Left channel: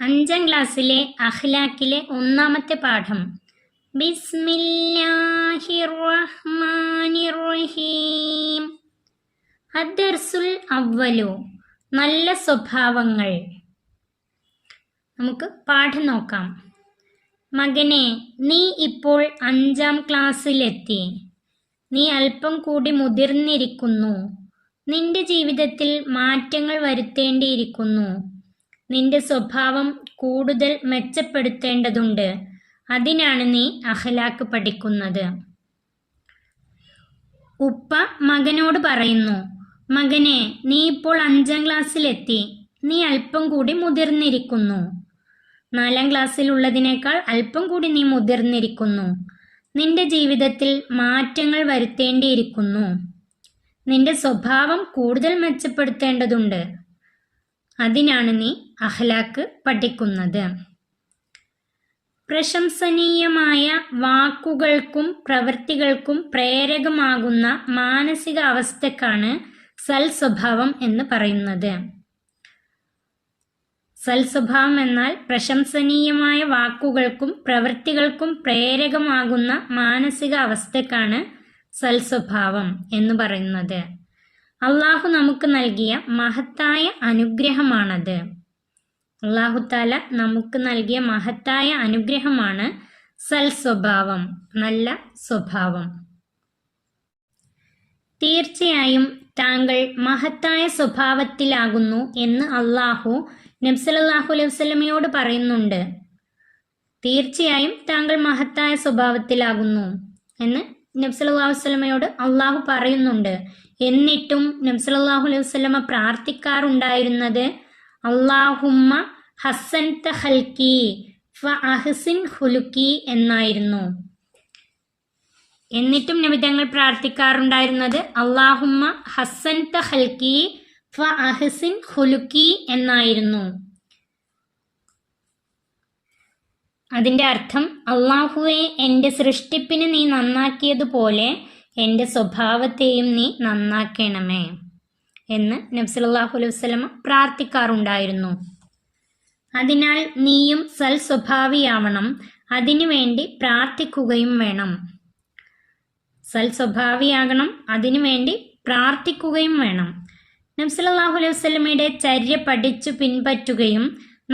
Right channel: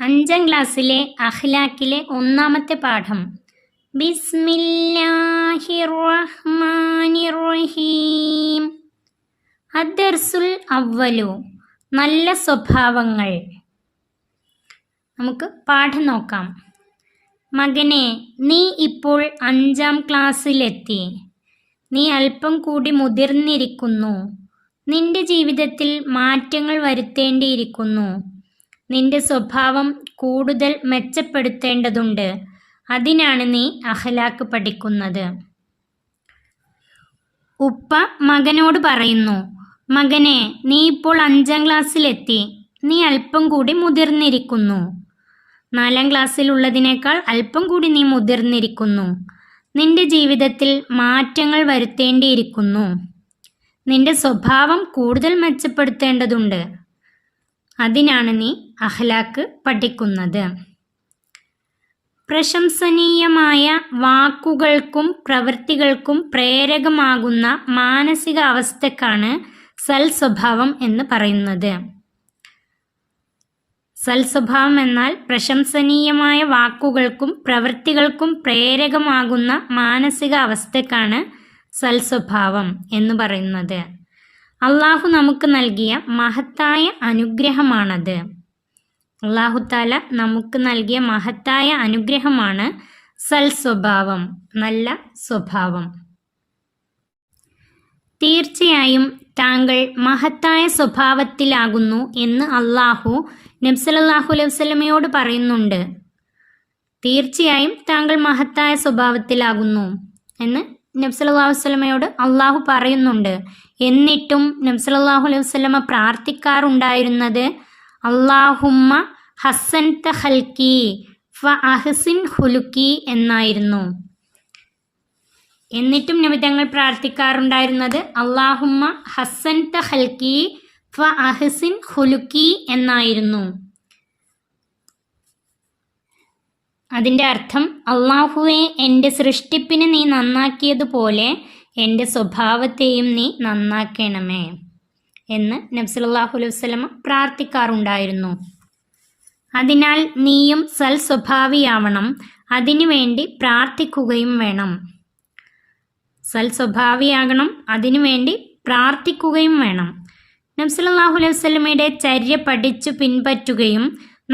5ാം ക്ലാസ്സിലെ അഖ്ലാഖിലെ 1ാമത്തെ പാഠം. ബിസ്മില്ലാഹിർ റഹ്മാനിർ റഹീം. അദ്ദർസുൽ അവ്വലു, നല്ല സ്വഭാവങ്ങൾ. നമുക്ക് പാഠം നോക്കാം. മകനെ, നീ ഇപ്പോൾ 5ാം ക്ലാസ്സിലെത്തി. നീ അല്പം കൂടി മുതിർന്നിരിക്കുന്നു. നിന്റെ ജീവിതത്തിൽ മാറ്റങ്ങൾ വരുത്തേണ്ടിയിരിക്കുന്നു. നിന്റെ സ്വഭാവം കൂടുതൽ മെച്ചപ്പെടുത്തേണ്ടതുണ്ട്. അതിനാണ് നീ അഖ്ലാഖ് പഠിക്കുന്നത്. ഉപ്പ മകനോട് പറയുന്നു, മകനെ, നീ ഇപ്പോൾ 5ാം ക്ലാസ്സിലെത്തി. നീ അല്പം കൂടി മുതിർന്നിരിക്കുന്നു. 4ാം ക്ലാസ്സിലുള്ളതിനേക്കാൾ അല്പം കൂടി നീ മുതിർന്നിരിക്കുന്നു. നിന്റെ ജീവിതത്തിൽ മാറ്റങ്ങൾ വരുത്തേണ്ടിയിരിക്കുന്നു. നിന്റെ സ്വഭാവം കൂടുതൽ മെച്ചപ്പെടുത്തേണ്ടതുണ്ട്. അതിനാണ് നീ അഖ്ലാഖ് പഠിക്കുന്നത്. പ്രശംസനീയമായ വാക്കുകൾക്കും പ്രവൃത്തികൾക്കും പ്രേരകമാകുന്ന മാനസിക അവസ്ഥക്കാണ് സൽസ്വഭാവം എന്ന് പറയുന്നത്. സൽസ്വഭാവം എന്നാൽ പ്രശംസനീയമായ വാക്കുകൾക്കും പ്രവൃത്തികൾക്കും പ്രേരകമാകുന്ന മാനസിക അവസ്ഥക്കാണ് സൽസ്വഭാവം എന്ന് പറയുന്നത്. അള്ളാഹു നമുക്ക് നൽകിയ മഹത്തായ അനുഗ്രഹമാണത്. അള്ളാഹു താല നമുക്ക് നൽകിയ മഹത്തായ അനുഗ്രഹമാണ് സൽസ്വഭാവം, നല്ല സ്വഭാവം. തീർച്ചയായും താങ്കൾ മഹത്തായ സ്വഭാവത്തിലാകുന്നു എന്ന് അള്ളാഹു നബി സല്ലല്ലാഹു അലൈഹി വസല്ലമയോട് പറയുന്നുണ്ട്. തീർച്ചയായും താങ്കൾ മഹത്തായ സ്വഭാവത്തിലാകുന്നു എന്ന് നബി സല്ലല്ലാഹു അലൈഹി വസല്ലമയോട് അള്ളാഹു പറയുന്നുണ്ട്. എന്നിട്ടും നബി സല്ലല്ലാഹു അലൈഹി വസല്ലമ പ്രാർത്ഥിക്കാറുണ്ടായിരുന്നത് അല്ലാഹുമ്മ ഹസ്സൻത ഖൽഖി ഫഅഹ്സിൻ ഖുലുഖി എന്നായിരുന്നു. എന്നിട്ടും നബി തങ്ങൾ പ്രാർത്ഥിക്കാറുണ്ടായിരുന്നത് അല്ലാഹുമ്മ ഹസ്സൻത ഖൽഖി ഫഅഹ്സിൻ ഖുലുഖി എന്നായിരുന്നു. അതിൻ്റെ അർത്ഥം, അള്ളാഹുവെ, എൻ്റെ സൃഷ്ടിപ്പിനെ നീ നന്നാക്കിയതുപോലെ എൻ്റെ സ്വഭാവത്തെയും നീ നന്നാക്കണമേ എന്ന് നബി സല്ലല്ലാഹു അലൈഹി വസല്ലമ പ്രാർത്ഥിക്കാറുണ്ടായിരുന്നു. അതിനാൽ നീയും സൽസ്വഭാവിയാവണം. അതിനുവേണ്ടി പ്രാർത്ഥിക്കുകയും വേണം. സൽസ്വഭാവിയാകണം, അതിനുവേണ്ടി പ്രാർത്ഥിക്കുകയും വേണം. നബി സല്ലല്ലാഹു അലൈഹി വസല്ലമയുടെ ചര്യ പഠിച്ചു പിൻപറ്റുകയും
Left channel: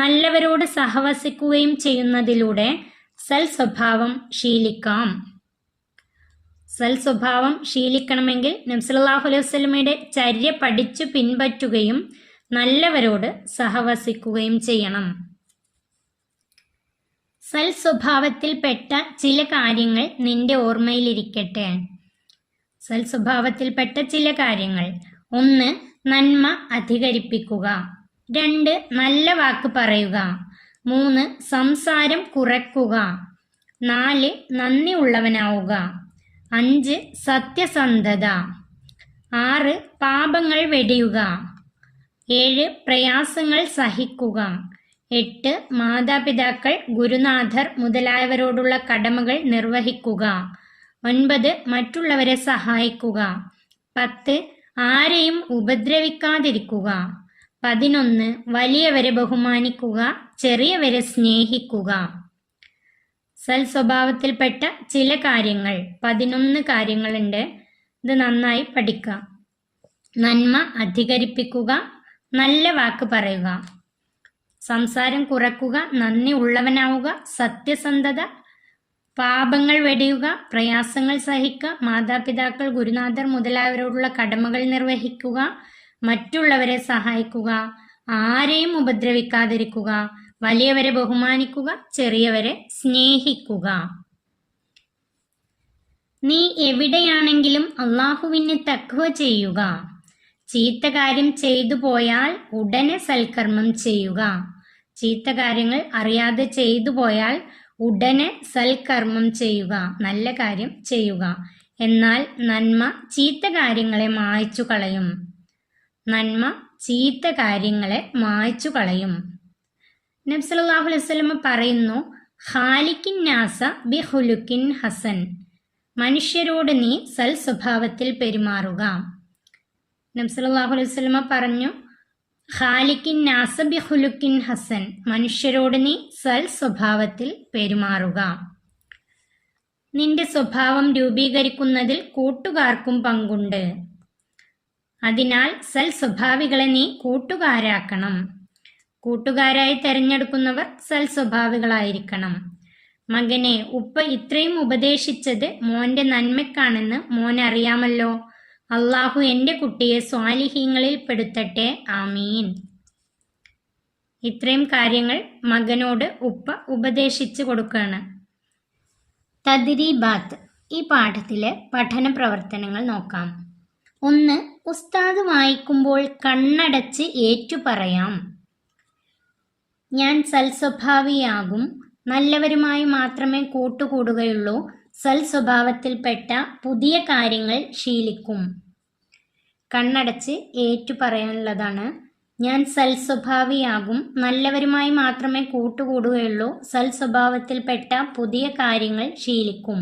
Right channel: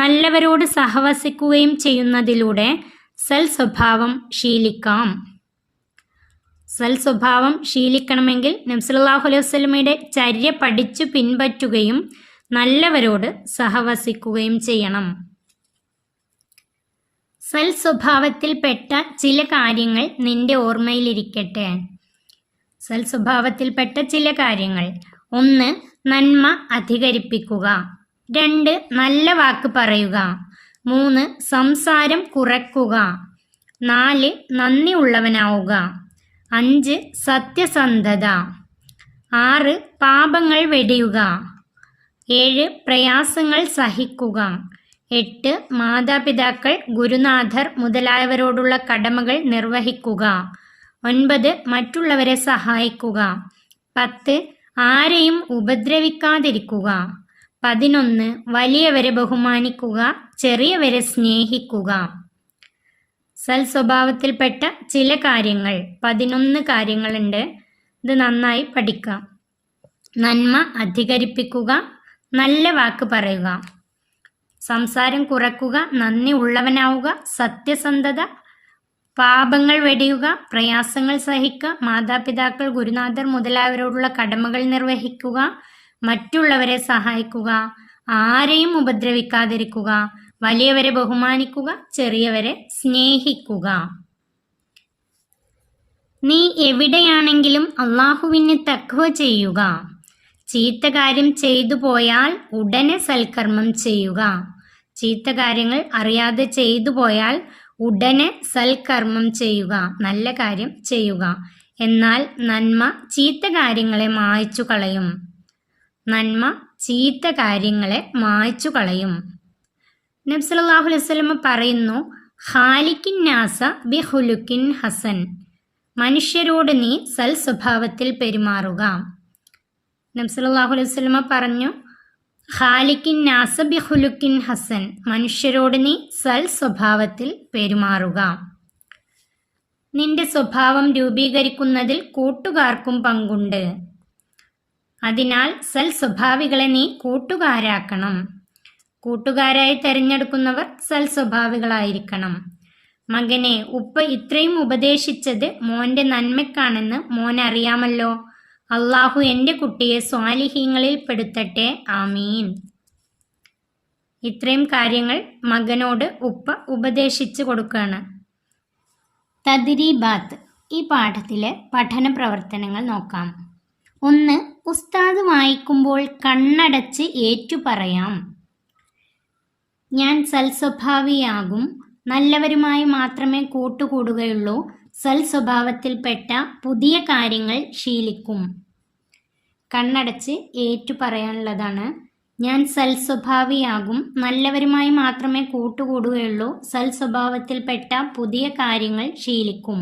നല്ലവരോട് സഹവസിക്കുകയും ചെയ്യുന്നതിലൂടെ സൽസ്വഭാവം ശീലിക്കാം. സൽസ്വഭാവം ശീലിക്കണമെങ്കിൽ നബി സല്ലല്ലാഹു അലൈഹി വസല്ലമയുടെ ചര്യ പഠിച്ചു പിൻപറ്റുകയും നല്ലവരോട് സഹവസിക്കുകയും ചെയ്യണം. സൽസ്വഭാവത്തിൽപ്പെട്ട ചില കാര്യങ്ങൾ നിന്റെ ഓർമ്മയിലിരിക്കട്ടെ. സൽസ്വഭാവത്തിൽപ്പെട്ട ചില കാര്യങ്ങൾ: 1. നന്മ അധികരിപ്പിക്കുക. 2. നല്ല വാക്ക് പറയുക. 3. സംസാരം കുറയ്ക്കുക. 4. നന്ദി ഉള്ളവനാവുക. 5. സത്യസന്ധത. 6. പാപങ്ങൾ വെടിയുക. 7. പ്രയാസങ്ങൾ സഹിക്കുക. 8. മാതാപിതാക്കൾ, ഗുരുനാഥർ മുതലായവരോടുള്ള കടമകൾ നിർവഹിക്കുക. 9. മറ്റുള്ളവരെ സഹായിക്കുക. 10. ആരെയും ഉപദ്രവിക്കാതിരിക്കുക. 11. വലിയവരെ ബഹുമാനിക്കുക, ചെറിയവരെ സ്നേഹിക്കുക. സൽസ്വഭാവത്തിൽപ്പെട്ട ചില കാര്യങ്ങൾ 11 കാര്യങ്ങളുണ്ട്. ഇത് നന്നായി പഠിക്കുക. നന്മ അധികരിപ്പിക്കുക, നല്ല വാക്ക് പറയുക, സംസാരം കുറയ്ക്കുക, നന്ദി ഉള്ളവനാവുക, സത്യസന്ധത, പാപങ്ങൾ വെടിയുക, പ്രയാസങ്ങൾ സഹിക്കുക, മാതാപിതാക്കൾ, ഗുരുനാഥർ മുതലായവരോടുള്ള കടമകൾ നിർവഹിക്കുക, മറ്റുള്ളവരെ സഹായിക്കുക, ആരെയും ഉപദ്രവിക്കാതിരിക്കുക, വലിയവരെ ബഹുമാനിക്കുക, ചെറിയവരെ സ്നേഹിക്കുക. നീ എവിടെയാണെങ്കിലും അള്ളാഹുവിന് തഖ്വ ചെയ്യുക. ചീത്ത കാര്യം ചെയ്തു പോയാൽ ഉടനെ സൽക്കർമ്മം ചെയ്യുക. ചീത്ത കാര്യങ്ങൾ അറിയാതെ ചെയ്തു പോയാൽ ഉടനെ സൽക്കർമ്മം ചെയ്യുക, നല്ല കാര്യം ചെയ്യുക. എന്നാൽ നന്മ ചീത്ത കാര്യങ്ങളെ മായ്ച്ചു കളയും. നന്മ ചീത്ത കാര്യങ്ങളെ മായ്ച്ചു കളയും. നബി സല്ലല്ലാഹു അലൈഹി വസല്ലമ പറയുന്നു, ഖാലിഖിൻ നാസ ബിഖുലുഖിൻ ഹസൻ. മനുഷ്യരോട് നീ സൽസ്വഭാവത്തിൽ പെരുമാറുക. നബി സല്ലല്ലാഹു അലൈഹി വസല്ലമ പറഞ്ഞു, ഖാലിക്കിൻ നാസ ബിഖുലുക്കിൻ ഹസൻ, മനുഷ്യരോട് നീ സൽ സ്വഭാവത്തിൽ പെരുമാറുക. നിന്റെ സ്വഭാവം രൂപീകരിക്കുന്നതിൽ കൂട്ടുകാർക്കും പങ്കുണ്ട്. അതിനാൽ സൽ സ്വഭാവികളെ നീ കൂട്ടുകാരാക്കണം. കൂട്ടുകാരായി തിരഞ്ഞെടുക്കുന്നവർ സൽ സ്വഭാവികളായിരിക്കണം. മകനെ, ഉപ്പ ഇത്രയും ഉപദേശിച്ചത് മോൻ്റെ നന്മയ്ക്കാണെന്ന് മോൻ അറിയാമല്ലോ. അള്ളാഹു എൻ്റെ കുട്ടിയെ സ്വാലിഹീങ്ങളിൽ പെടുത്തട്ടെ, ആമീൻ. ഇത്രയും കാര്യങ്ങൾ മകനോട് ഉപ്പ ഉപദേശിച്ചു കൊടുക്കുകയാണ്. തദ്രീബാത്ത്, ഈ പാഠത്തിലെ പഠന പ്രവർത്തനങ്ങൾ നോക്കാം. 1. ഉസ്താദ് വായിക്കുമ്പോൾ കണ്ണടച്ച് ഏറ്റുപറയാം. ഞാൻ സൽസ്വഭാവിയാകും. നല്ലവരുമായി മാത്രമേ കൂട്ടുകൂടുകയുള്ളൂ. സൽസ്വഭാവത്തിൽപ്പെട്ട പുതിയ കാര്യങ്ങൾ ശീലിക്കും. കണ്ണടച്ച് ഏറ്റുപറയാനുള്ളതാണ്. ഞാൻ സൽസ്വഭാവിയാകും. നല്ലവരുമായി മാത്രമേ കൂട്ടുകൂടുകയുള്ളൂ. സൽസ്വഭാവത്തിൽപ്പെട്ട പുതിയ കാര്യങ്ങൾ ശീലിക്കും.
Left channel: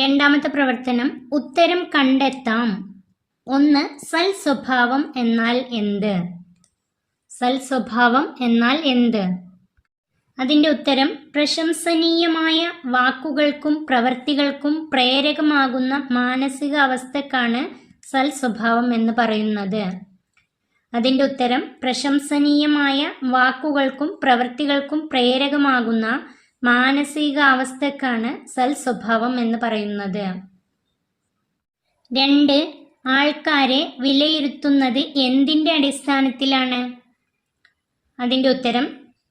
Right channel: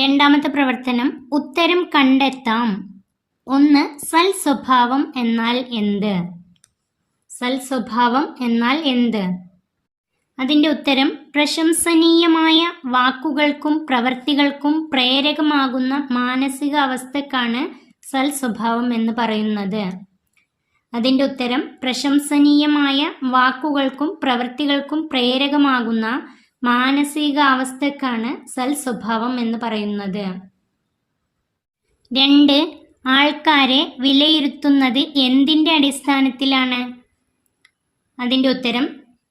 2. പ്രവർത്തനം, ഉത്തരം കണ്ടെത്താം. 1. സൽസ്വഭാവം എന്നാൽ എന്ത്? സൽസ്വഭാവം എന്നാൽ എന്ത്? അതിൻ്റെ ഉത്തരം, പ്രശംസനീയമായ വാക്കുകൾക്കും പ്രവൃത്തികൾക്കും പ്രേരകമാകുന്ന മാനസിക അവസ്ഥക്കാണ് സൽസ്വഭാവം എന്ന് പറയുന്നത്. അതിൻ്റെ ഉത്തരം, പ്രശംസനീയമായ വാക്കുകൾക്കും പ്രവൃത്തികൾക്കും പ്രേരകമാകുന്ന മാനസിക അവസ്ഥക്കാണ് സൽസ്വഭാവം എന്ന് പറയുന്നത്. 2. ആൾക്കാരെ വിലയിരുത്തുന്നത് എന്തിൻ്റെ അടിസ്ഥാനത്തിലാണ്? അതിൻ്റെ ഉത്തരം,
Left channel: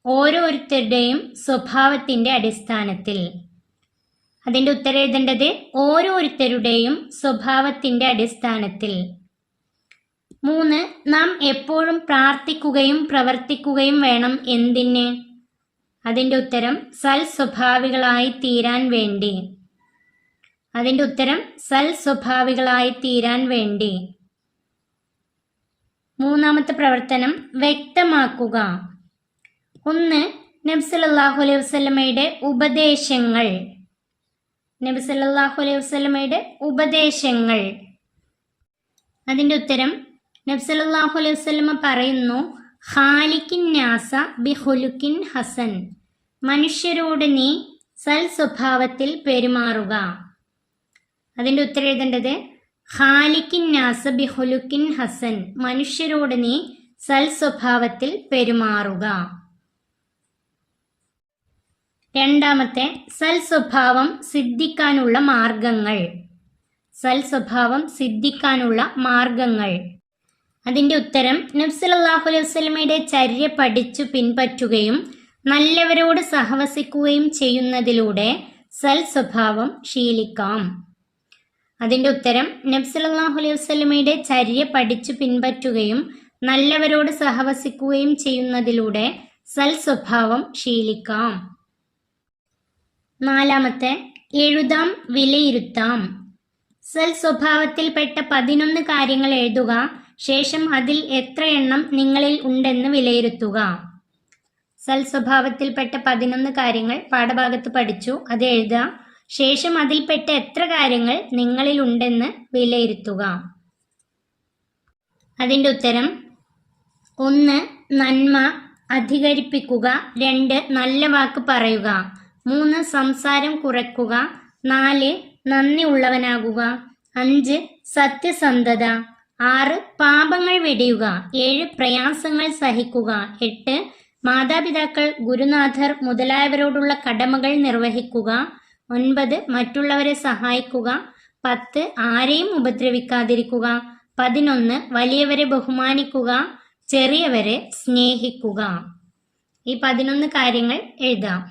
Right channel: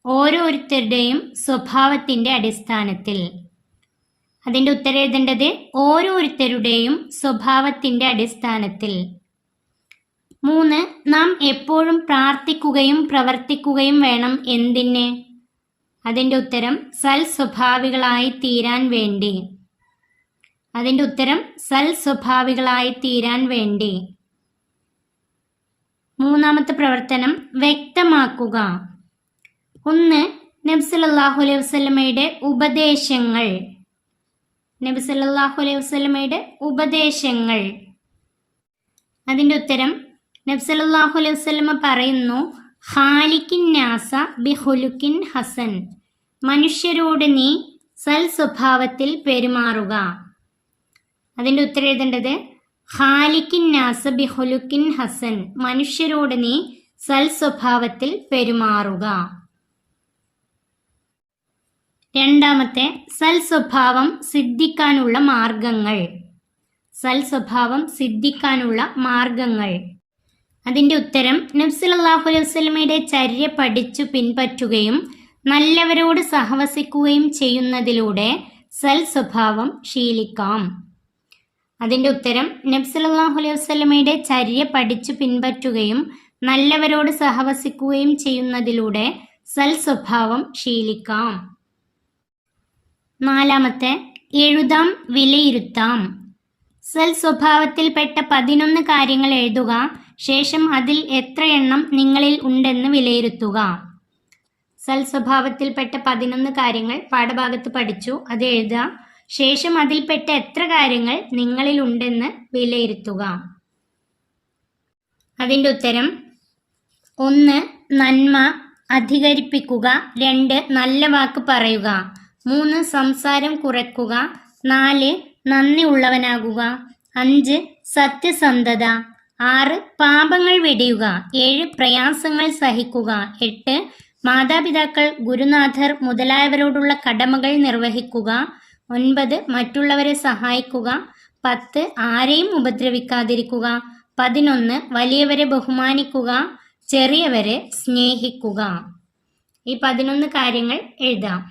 ഓരോരുത്തരുടെയും സ്വഭാവത്തിൻ്റെ അടിസ്ഥാനത്തിൽ. അതിൻ്റെ ഉത്തരം എഴുതേണ്ടത് ഓരോരുത്തരുടെയും സ്വഭാവത്തിൻ്റെ അടിസ്ഥാനത്തിൽ. 3. നാം എപ്പോഴും പ്രാർത്ഥിക്കുകയും പ്രവർത്തിക്കുകയും വേണം. എന്തിന്? അതിൻ്റെ ഉത്തരം, സൽസ്വഭാവികളായി തീരാൻ വേണ്ടി. അതിൻ്റെ ഉത്തരം, സൽസ്വഭാവികളായി തീരാൻ വേണ്ടി. 3. പ്രവർത്തനം, വ്യക്തമാക്കുക. 1. നബി സല്ലല്ലാഹു അലൈഹി വസല്ലമയുടെ ഉപദേശങ്ങൾ. നബി സല്ലല്ലാഹു അലൈഹി വസല്ലമയുടെ ഉപദേശങ്ങൾ. അതിൻ്റെ ഉത്തരം, നബി സല്ലല്ലാഹു അലൈഹി വസല്ലമ പറയുന്നു, ഖാലിക്കിൻ നാസ ബിഖുലുക്കിൻ ഹസൻ, മനുഷ്യരോട് നീ സൽ സ്വഭാവത്തിൽ പെരുമാറുക. അതിൻ്റെ ഉത്തരം എഴുതേണ്ടത്, ഖാലിക്കിൻ നാസ ബിഖുലുക്കിൻ ഹസൻ, മനുഷ്യരോട് നീ സൽ സ്വഭാവത്തിൽ പെരുമാറുക. 2. സൽസ്വഭാവം സിദ്ധിക്കാനുള്ള മാർഗങ്ങൾ. സൽസ്വഭാവം സിദ്ധിക്കാനുള്ള മാർഗങ്ങൾ. അതിൻ്റെ ഉത്തരം, നബി സല്ലല്ലാഹു അലൈഹി വസല്ലമയുടെ ചര്യ പഠിച്ചു പിൻപറ്റുകയും നല്ലവരോട് സഹവസിക്കുകയും ചെയ്യുന്നതിലൂടെ സൽസ്വഭാവം ശീലിക്കാം. അതിൻ്റെ ഉത്തരം, നബി സല്ലല്ലാഹു അലൈഹി വസല്ലമയുടെ ചര്യ പഠിച്ചു പിൻപറ്റുകയും നല്ലവരോട് സഹവസിക്കുകയും ചെയ്യുന്നതിലൂടെ സൽസ്വഭാവം ശീലിക്കാം. 4. എഴുതാം, വിലയിരുത്താം. സൽസ്വഭാവത്തിൽപ്പെട്ട 11 കാര്യങ്ങൾ എഴുതുക. ശേഷം അതിൽ എത്ര എണ്ണം നിങ്ങളിൽ ഉണ്ടെന്ന് വിലയിരുത്തുക. സൽസ്വഭാവത്തിൽപ്പെട്ട 11 കാര്യങ്ങൾ പാഠഭാഗത്ത് പഠിച്ചു. അത് എഴുതുക. ശേഷം അതിൽപ്പെട്ട എത്ര കാര്യങ്ങൾ നിങ്ങളിൽ ഉണ്ടെന്ന് വിലയിരുത്തുക. അതിൻ്റെ ഉത്തരം, 1. നന്മ അധികരിപ്പിക്കുക. 2. നല്ല വാക്ക് പറയുക. 3. സംസാരം കുറയ്ക്കുക. 4. നന്ദി ഉള്ളവനാകുക. 5. സത്യസന്ധത. 6. പാപങ്ങൾ വെടിയുക. 7. പ്രയാസങ്ങൾ സഹിക്കുക. 8. മാതാപിതാക്കൾ, ഗുരുനാഥർ മുതലായവരോടുള്ള കടമകൾ നിർവഹിക്കുക. 9. മറ്റുള്ളവരെ സഹായിക്കുക. 10. ആരെയും ഉപദ്രവിക്കാതിരിക്കുക. 11. വലിയവരെ ബഹുമാനിക്കുക, ചെറിയവരെ സ്നേഹിക്കുക. ഈ 11 കാര്യങ്ങൾ എഴുതാം.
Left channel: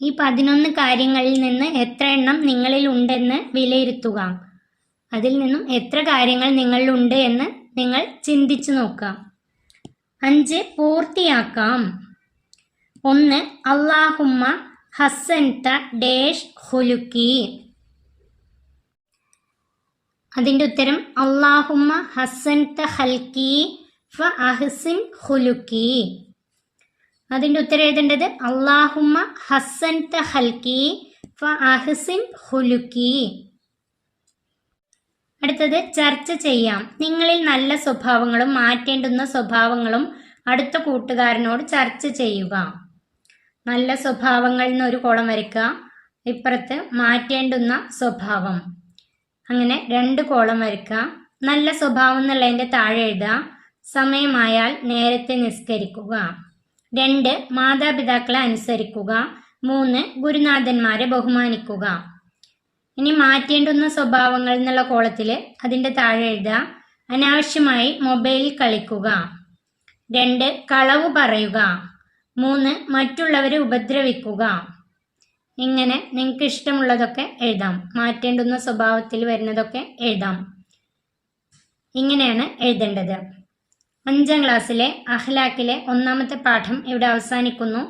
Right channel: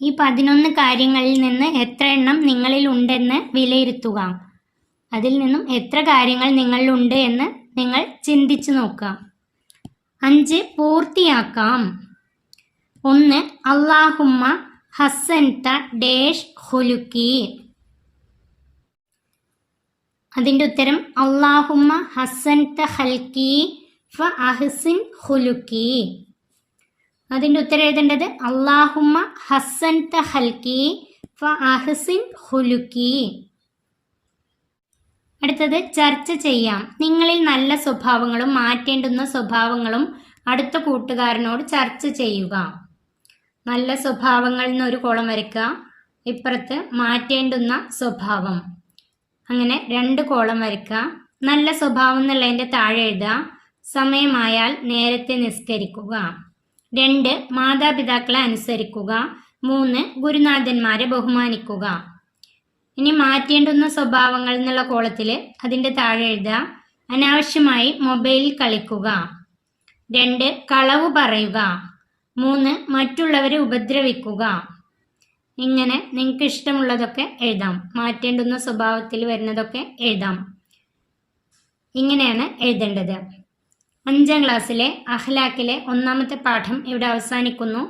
ഈ 11 കാര്യങ്ങളിൽ നിന്ന് എത്ര എണ്ണം നിങ്ങളിൽ ഉണ്ടെന്ന് വിലയിരുത്തുക. അതിൽ നിന്നും എത്ര കാര്യങ്ങൾ നിങ്ങളിലുണ്ട് എന്ന് നിങ്ങൾ ചിന്തിച്ചു നോക്കുക. 5. പൂർത്തിയാക്കാം. 1. അല്ലാഹുമ്മ ഹസ്സൻത ഡേഷ് ഖുലുക്കി. അതിൻ്റെ ഉത്തരം, അല്ലാഹുമ്മ ഹസ്സൻത ഖൽക്കി ഫ അഹ്സിൻ ഖുലുക്കി. അതിൻ്റെ ഉത്തരം എഴുതേണ്ടത്, അല്ലാഹുമ്മ ഹസ്സൻത ഖൽക്കി ഫ അഹ്സിൻ ഖുലുക്കി. അടുത്തത് ചർച്ച ചെയ്യാം. നിങ്ങളിൽ നല്ല സ്വഭാവങ്ങളും മാറ്റേണ്ടുന്ന സ്വഭാവങ്ങളും അടുത്ത കൂട്ടുകാരനോട് ചർച്ച ചെയ്യുക. നല്ല സ്വഭാവങ്ങൾ എന്നൊരു കോളം വരയ്ക്കുക, ഇപ്പുറത്ത് മാറ്റേണ്ടുന്ന സ്വഭാവം, അങ്ങനെ 2 കോളം വരയ്ക്കുക. നല്ല സ്വഭാവം എന്നുള്ളതിൻ്റെ താഴെ എഴുതുക സമയമായാൽ നേരത്തെ നിസ്കരിക്കുക. 2 മാതാപിതാക്കളെ അനുസരിക്കുക. 3 ഗുരുനാഥന്മാരെ ബഹുമാനിക്കുക. ഇനി മാറ്റേണ്ടുന്ന സ്വഭാവങ്ങൾ എന്നുള്ള കോളത്തിൽ അതിൻ്റെ താഴെ എഴുതുക അനാവശ്യമായി മൊബൈലിൽ കളിക്കുക. 2 കളവ് പറയുക. 3 മറ്റുള്ളവരെ ഉപദ്രവിക്കുക. ഇങ്ങനെ നിങ്ങൾക്ക് ഇഷ്ടമുള്ളതൊക്കെ എഴുതാം. മാറ്റേണ്ടുന്ന സ്വഭാവത്തിൽ വരുന്നതൊക്കെ എഴുതാം. ഇങ്ങനെയാണ് എഴുതേണ്ടത്. 5ാം ക്ലാസ്സിലെ അഖ്ലാഖിലെ 1ാമത്തെ പാഠം ഇവിടെ അവസാനിക്കുന്നു.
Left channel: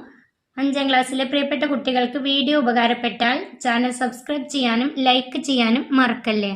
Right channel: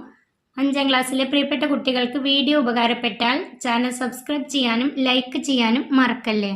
5ാം ക്ലാസ്സിലെ പ്രിയപ്പെട്ട കുട്ടികൾക്ക് വീഡിയോ ഉപകാരപ്പെട്ടാൽ ചാനൽ സബ്സ്ക്രൈബ് ചെയ്യാനും ലൈക്ക് ചെയ്യാനും മറക്കല്ലേ.